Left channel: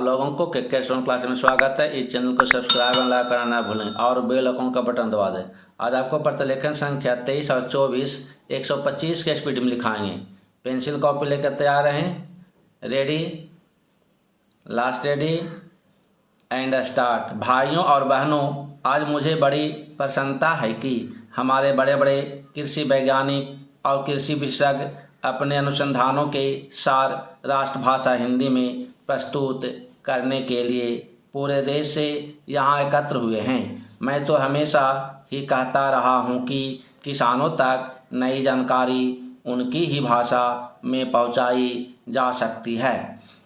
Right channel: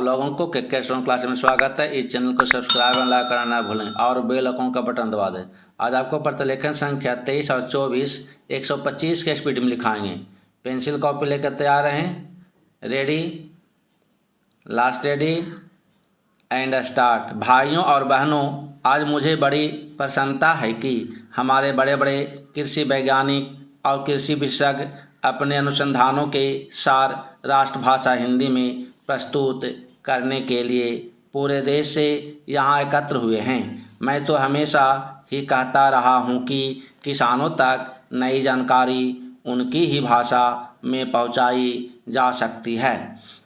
आप लोगों को के स्टोन क्लास में स्वागत है। इस चैनल को सब्सक्राइब और लाइक करना ना भूलें और बेल आइकन का बटन दबा दें। आज आपको प्रतिलेखन संख्या 23 और 24 125 के स्पीड में लिखाएंगे। पेंसिल कॉपी लेकर तैयार रहें। Ready, last ready and start. भाइयों और बहनों, आज मुझे बड़ी प्रसन्नता है कि हमारे बड़े बड़े कृषि वैज्ञानिक और कृषि विशेषज्ञ अपने अनुसंधानों के सार राष्ट्रभाषा हिंदी में प्रस्तुत करने के लिए पूरे देश से यहाँ एकत्र हुए हैं। मैं तो हमेशा ही कहता रहा हूँ कि किसानों तक नई जानकारी उनकी ही भाषा में पहुँचाई जा सकती है।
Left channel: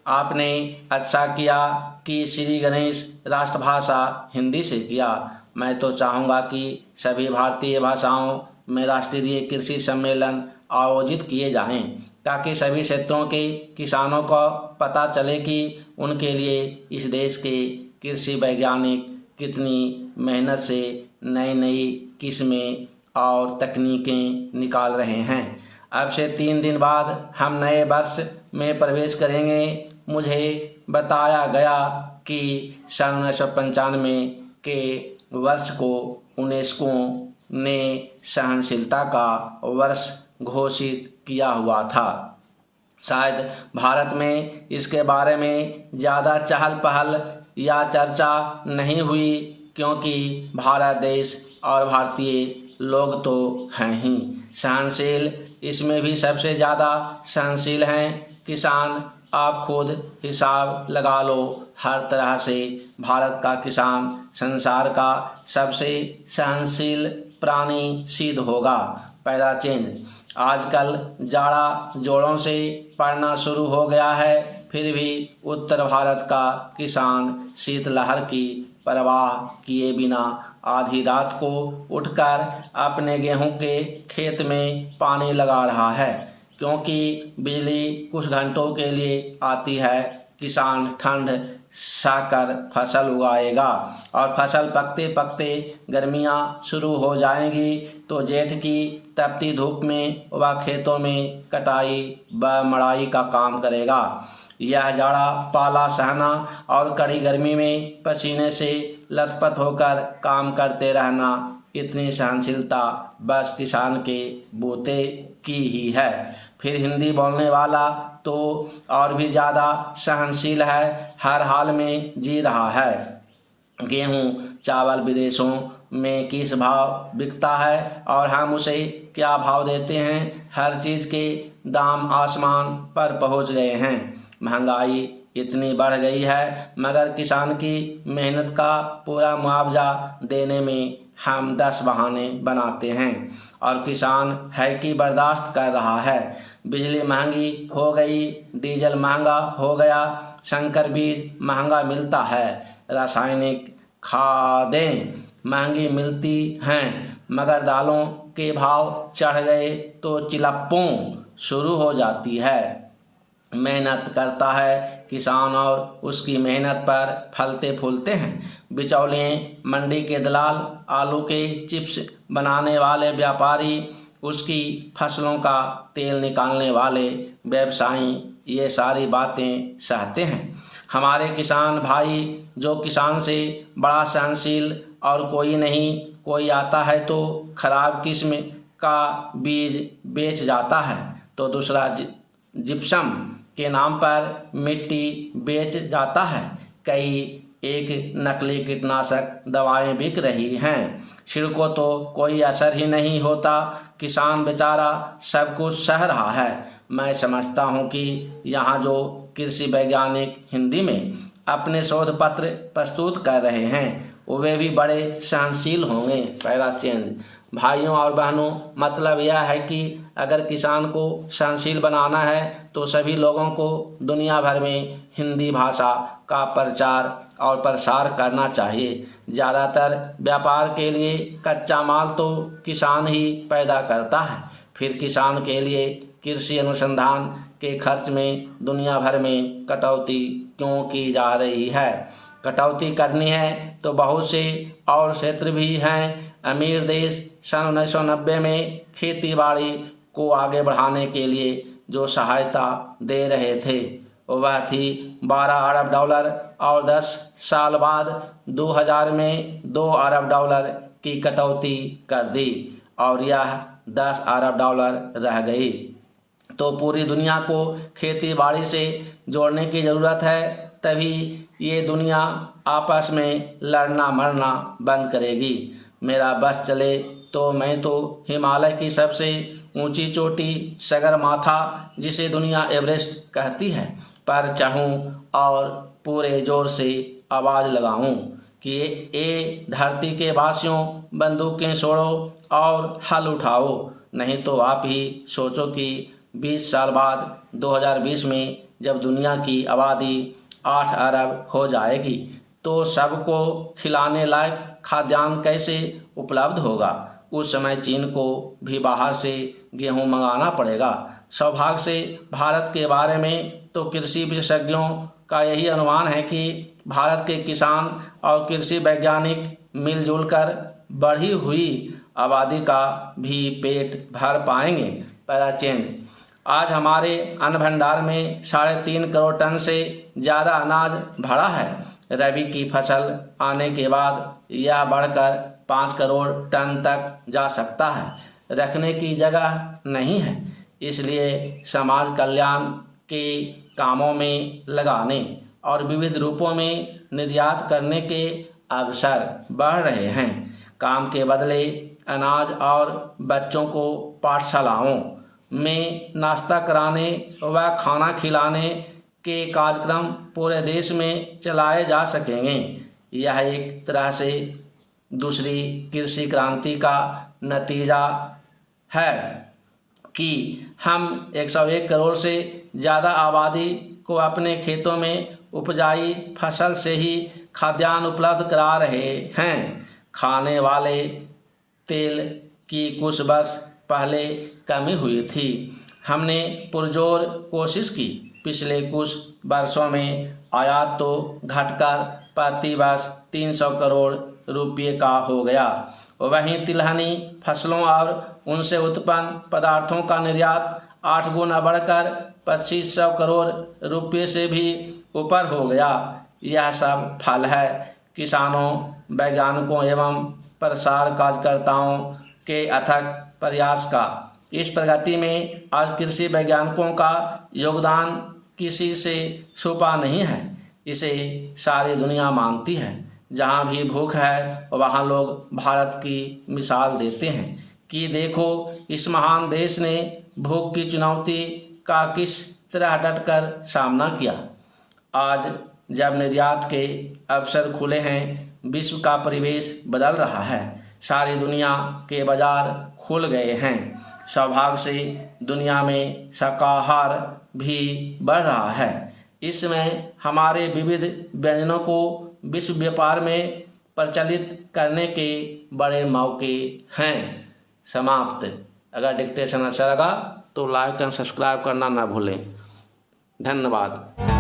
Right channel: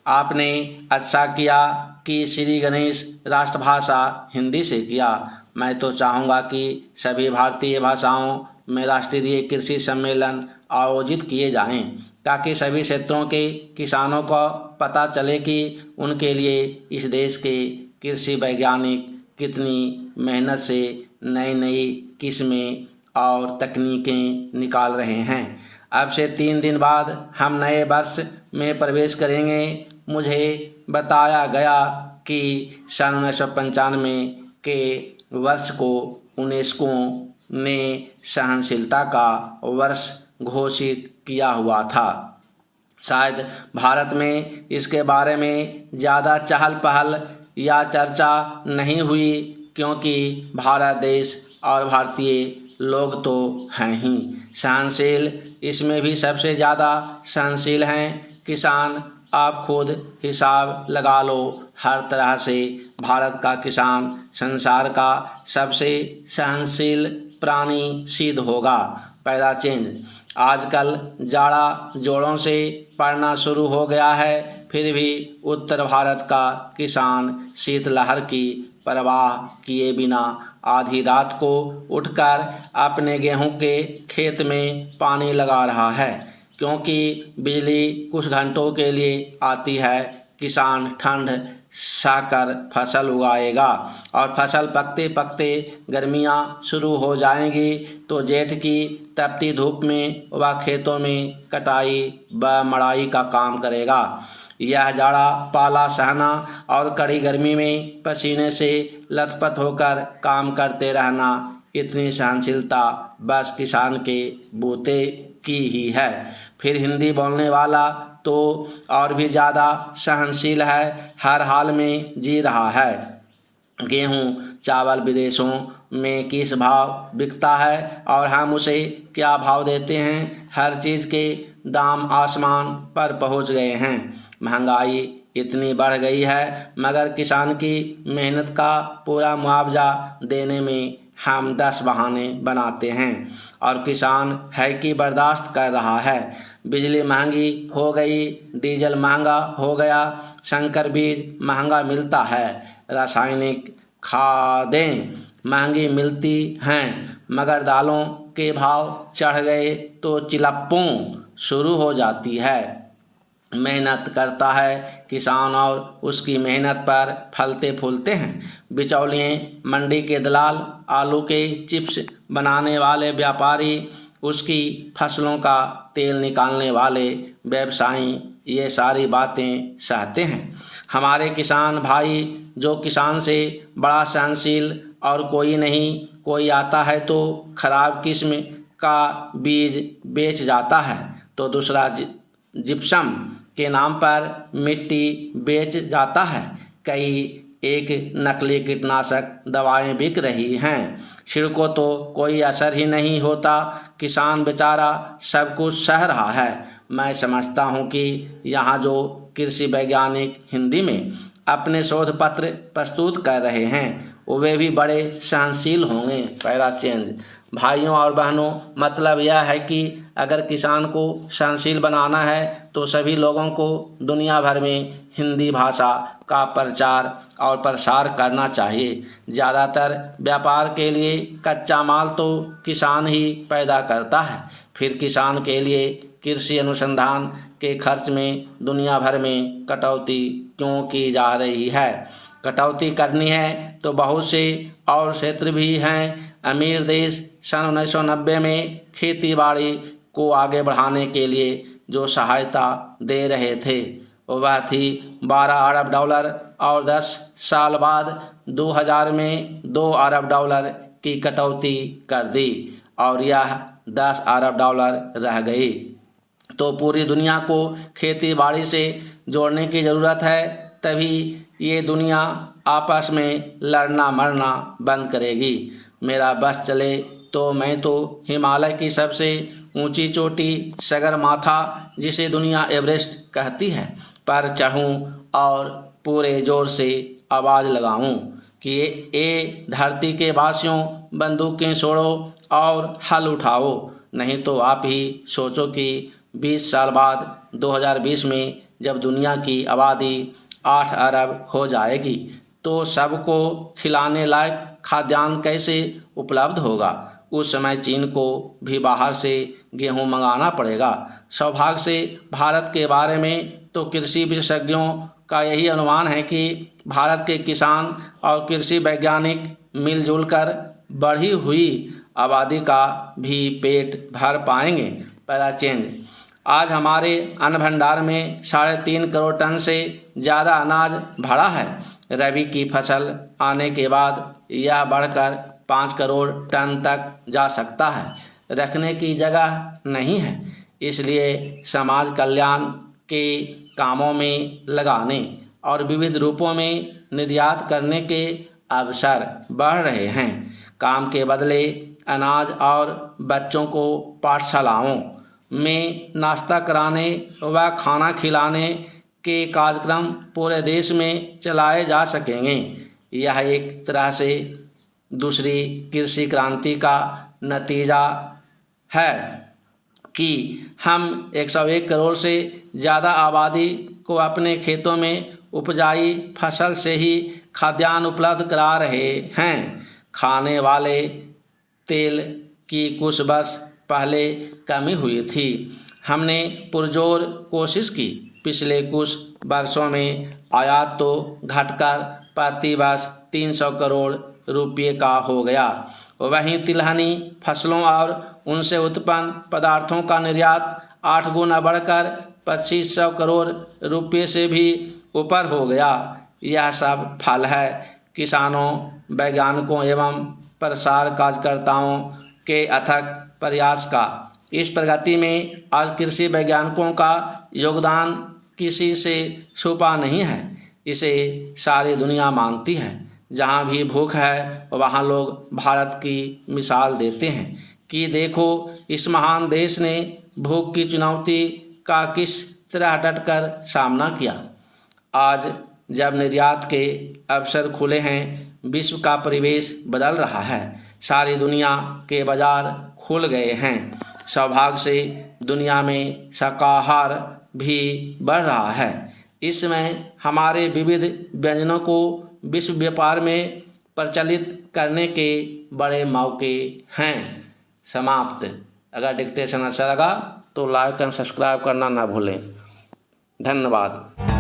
आपने अच्छा किया कि श्री गणेश राष्ट्रभाषा हिंदी से किया। मैं तो चाहूँगा कि सभी भारतीय भाषाओं में राष्ट्रीय कृषि सम्मेलन आयोजित किए जाएं, ताकि सभी क्षेत्रों के किसानों को पता चले कि उनके लिए इस देश के कृषि वैज्ञानिक कितनी मेहनत से नई नई किस्में और तकनीकें निकाल रहे हैं। अब से 3 दिन बाद हम नए वर्ष में प्रवेश करेंगे। मुझे बताया गया कि सन 1995 के वर्ष को यूनेस्को ने सहनशीलता का वर्ष घोषित किया हुआ था। शायद भारत में इसके बारे में ज़्यादा चहल पहल या चर्चा नहीं हुई, क्योंकि भारत देश और भारतीय लोग तो हैं ही सहनशील। इसमें भी सबसे ज़्यादा सहनशील हैं किसान। आप खुद हिसाब लगा लो, हर तरह से भारत का किसान संसार का सबसे सहनशील प्राणी सिद्ध होगा। पहला चेंज, आजकल जाड़ा जोड़ों से पड़ना शुरू हो गया है, फिर भी उत्तर भारत का किसान शीतलहर की परवाह किए बिना आधी रात को उठकर अपने गेहूं के खेत में पानी लगा रहा है, क्योंकि बिजली कुछ घंटों के लिए आती है। किसान ठंड सहकर फसल उगाएगा और फसल पकते पकते गर्मियां शुरू हो जाएंगी, तो जेठ की तपती धूप में वह खेतों में कटाई व मड़ाई का काम करेगा। यह जाड़ा पाला सहना और कड़ी गर्मी में पसीने से लथपथ होकर काम करते रहना, इतनी सहनशीलता बस किसान के बूते की ही है। फिर हिंदी बोलने वाला तो और भी ज़्यादा सहनशील है, हर हाल में जी रहा है। गेहूँ चावल विदेशों में किस भाव बिकता है और हम उसे क्या भाव देते हैं, हर चीज़ के दाम आसमान पर पहुंच गए हैं। महंगाई इतनी बढ़ गई है, मगर किसान की मेहनत का पूरा मुआवजा देने में हम 10 बहाने बनाते हैं और किसान है कि बर्दाश्त कर रहा है। बिजली महंगी हो गई, डीजल महंगा हो गया, संकर बीज महंगा मिलता है, रासायनिक खादें महंगी मिलती हैं, मगर दालों के भाव चढ़ गए तो चिलप्पों शुरू हो जाती है। मेहनत करता है किसान और उसकी मेहनत पर फलते फूलते हैं बिचौलिए, मंडी के दलाल, आलू के चिप्स बनाने वाले व्यापारी, उसकी फसलों का तेल निकालने वाले व्यवसायी, ये सारी बातें सहते हैं। हमारे किसान भाई, जो किसान से बड़ा सहनशील और कोई नहीं। कोई आता है तो खराब किस्म का बीज बेच जाता है, तो दूसरा जिप्सम के नाम पर मिट्टी बेच जाता है। कई एक नकली कीटनाशक दवाएं बिक रही हैं, छिड़को तो कोई असर ही नहीं होता। किसान बेचारा सब कुछ सह रहा है। मैं समझता हूं कि यहाँ जो कृषि वैज्ञानिक हिंदी में अपने शोध पत्र प्रस्तुत कर रहे हैं, वे भी बड़े सहनशील होंगे। पहला चेंज, भाइयों और बहनों, मतलब यह है कि अगर किसान को सहनशील बनाना है तो सभी लोगों को दुनिया भर में हिंदी भाषा का प्रचार और प्रसार करना चाहिए। ज़्यादातर व्यापार के लिए कच्चा माल तो किसान ही पैदा करता है, फिर किसान के लिए कृषि अनुसंधान के खर्च में दुनिया भर में कटौती क्यों की जा रही है। कटौती करनी है तो बहुत से और क्षेत्र भी हैं। अमीर देश सन 1990 में खेती बाड़ी को आगे बढ़ाने के लिए जो सहायता दे रहे थे, वह थी 12 अरब डॉलर और 10 साल बाद 2000 में 2 अरब डॉलर की कटौती कर दी और यह 10 अरब डॉलर रह गई। तो पूरी दुनिया को खेती बाड़ी से जोड़ने की ज़रूरत है, तभी ये दुनिया आपस में लड़ना मरना बंद करेगी। मेरा बस चले तो मैं तो हिमालय की सबसे ऊंची चोटी सगरमाथा, जिसे दुनिया एवरेस्ट कहती है, पर चढ़ूं और पूरे जोर से आवाज़ लगाऊं कि ये धरती के वासियों बंदूकें छोड़ो और हल उठाओ, नहीं तो आप ही सोचो कि 20 साल बाद 2020 में जब दुनिया की आबादी 8 अरब हो जाएगी तो सबको खिलाने लायक खाद्यान्न कैसे उपलब्ध होगा। उस समय चीन को भी बाहर से गेहूं मंगाना पड़ेगा। सौभाग्य से भारत के बारे में तो कृषि विशेषज्ञों का यही अनुमान है कि भारत के किसान और कृषि वैज्ञानिक मिलजुल कर बढ़ी हुई आबादी का भी पेट भर पाएंगे। पहला चेंज, आज हमारे अन्न भंडार में 3.5 करोड़ टन से ज़्यादा अनाज भरा है। रबी की फसल आने के बाद यह बढ़कर 5 करोड़ टन तक जा सकता है। रखने की जगह नहीं है, इसलिए समाज कल्याण के कामों में लगाने और विविध रूपों में निर्यात करने के अवसर बढ़ रहे हैं। काम के बदले अनाज और बच्चों को पाठशालाओं में नाश्ता कराने व खाना खिलाने के कार्यक्रम पूरे देश में चलाए जा सकेंगे। यह एक तरह से दूसरी कृषि क्रांति का नतीजा है कि हम 101 करोड़ से ज़्यादा आबादी को अपने खेतों में उपजाई फसल से ही खाद्यान्न उपलब्ध करा रहे हैं। खाने वाले तेल की कुछ बस पहले कमी हुई थी। हमने पुरजोर कोशिश की। पिछले कुछ वर्षों में आयात तो घटकर प्रति वर्ष 300 करोड़ रुपये का हो गया। वहीं तिलहनी फसलों और उनसे उत्पन्न पदार्थों का निर्यात 8 गुना बढ़कर 2500 करोड़ रुपये से भी ऊपर हो गया। यह सब फल है किसानों, वैज्ञानिकों एवं प्रसार कार्यकर्ताओं के अथक प्रयास का। इस प्रगति में आज कृषि वैज्ञानिकों का योगदान किसी से छुपा नहीं है। इसे सारी दुनिया मानती है। जहाँ भी भूख है वहाँ लोग भारत की मिसाल देते हैं कि देखो इस महान देश ने भूख की चुनौती का किस तरह डटकर सामना किया। आज जब निर्यात के अवसर खुले हैं, विश्व का परिवेश बदल रहा है। सारी दुनिया के बाजार खुल गए हैं। सौभाग्य से दुनिया में शाकाहार भी बढ़ रहा है। इसमें हमारे विविध व्यंजनों को विश्व व्यापार में प्रचलित करने के बड़े मौके हैं। समाप्त। अगर डिक्टेशन अच्छा लगा तो लाइक एंड सब्सक्राइब करना ना भूलें। धन्यवाद।